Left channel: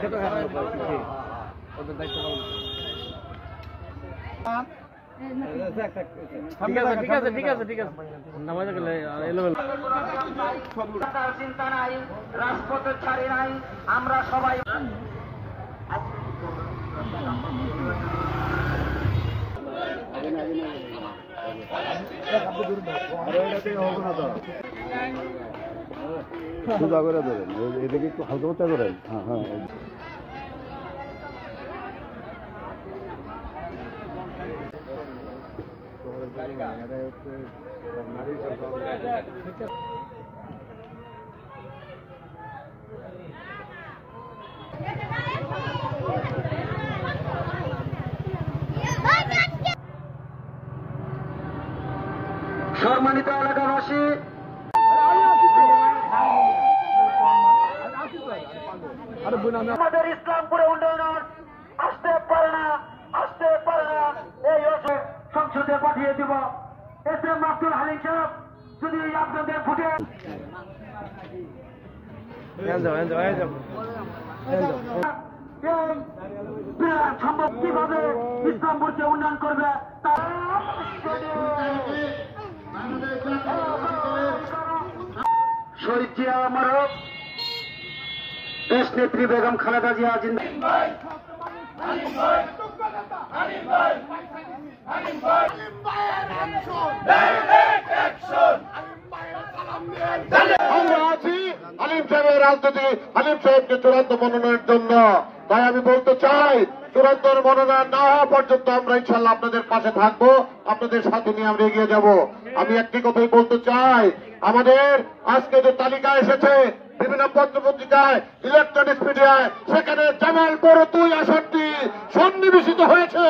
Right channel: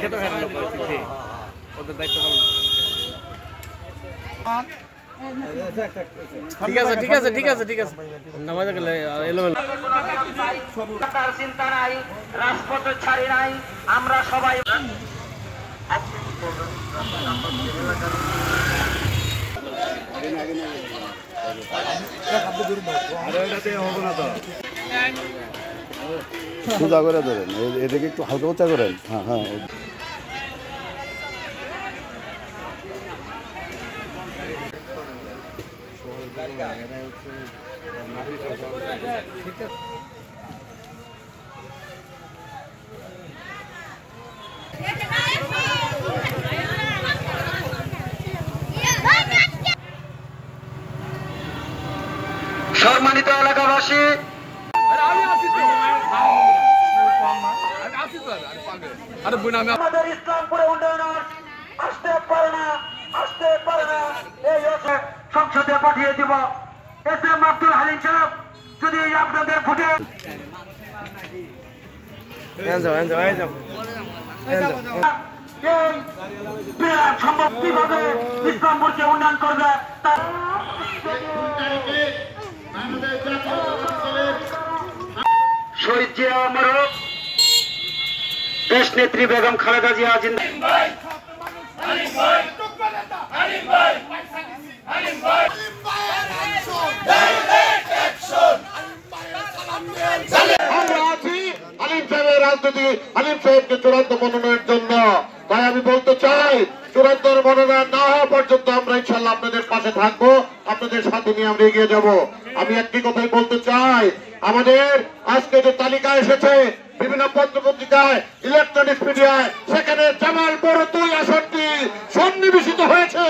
খেতে খারাপ পরিস্থিতি ওদের দায়িত্ব পালন ঠিক আছে নামাজ গেলে এলোমেলো চিন্তা নাই রাজপথে ছাড়ি নাই আমরা সবাই সোজা করে ধরেন এটাকে একটু হালকা বাচ্চা করেন হ্যাঁ সম্মানিত এলাকাবাসী আমাদের ইসলামপুরে উন্নয়ন আসতে পারে না এই সংসদে পাঠিয়ে দিব এস এম আব্দুল হালিম সাহেব যদি আপনাদের ফুটে সম্ভব কিভাবে ইসলামপুরকে উন্নয়ন করবে শহীদ জিয়া অমর দেশ নেত্রী বেগম খালেদা জিয়া জিন্দাবাদ আমরা আছি হালিম সাহেবের রাজনীতি হালিম সাহেবকে চূড়ান্ত মনোনয়নের জন্য তাই আমি বলতে চাই চূড়ান্ত মনোনয়ন না হওয়া পর্যন্ত আমরা ইনশাল্লাহ আপনাদের পাশে থাকবো আপনাদের সাথে নিয়ে আমরা এগিয়ে যাব আমি একটি কথাই বলতে চাই আমাদের আজকে যে তালিকা এসেছে বিভিন্ন পত্র পত্রিকায় ইলেকট্রনিক্স মিডিয়ায় সেখানে জামালপুর 2 আসনটি সন্নিবেশিত হয়েছে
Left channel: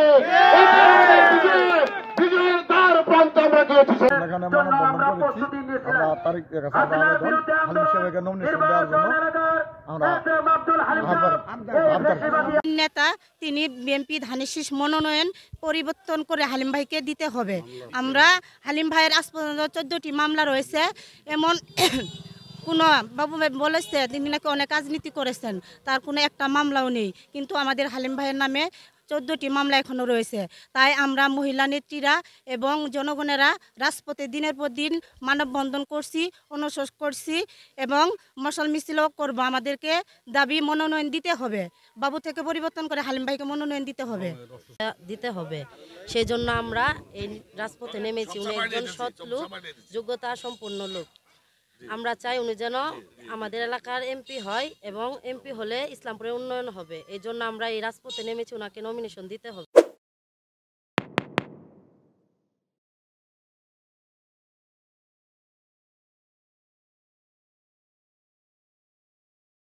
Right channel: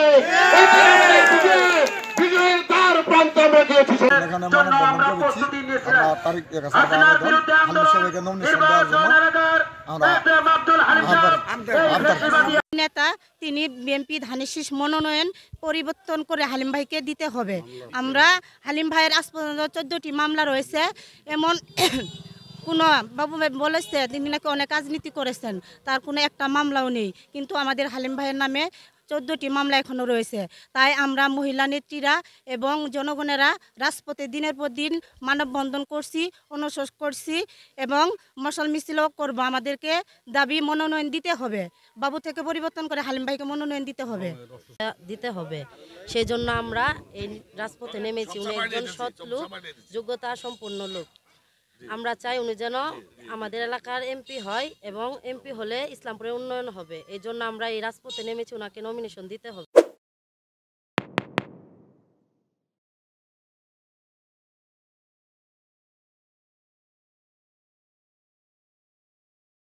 বিজয়ের দ্বার প্রান্তে আমরা গিয়েছি এখানে মানববন্ধন করেছি আমরা তারিখ কাছে আবেদন হালিম সাহেবকে নমিনেশন দেওয়ার জন্য আমরা নেতা তিনি বিএনপি ধানের শীষ মনোনয়ন পরিবর্তন করে হালিম ভাইকে দিতে হবে আমরা হালিম ভাইয়ের আজ পর্যন্ত 14টি মামলা রয়েছে এমন কোনো বাবু ভাই বলেছে তিনি নাকি অনেক রাজনীতি করেছেন তার কোনো একটা মামলাও নেই কিন্তু আমাদের হালিম ভাইয়ের নামে 14টি মামলা এখনও রয়েছে তাই আমরা মহিলা নেত্রীরা এবং জনগণেরা রাজপথে দিনের পর দিন মানববন্ধন করছি অনশন করছি এবং মশাল মিছিলও করব আমাদেরকে দাবি মনোনয়ন দিতে হবে বাবু থেকে পরিবর্তন করে হালিম ভাইকে মনোনয়ন দিতে হবে সেই জন্য আমরা এই রাজপথে নেমেছি উনি একজন সৎ লোক যোগ্যতা সম্পন্ন লোক আমরা চাই উনি যেন আমাদের এলাকার এমপি হয় এবং এমপি হলে ইসলামপুরের উন্নয়ন হবে এই জন্য আমরা এই রাজপথে নেমেছি ওনাকে নমিনেশন দিতে হবে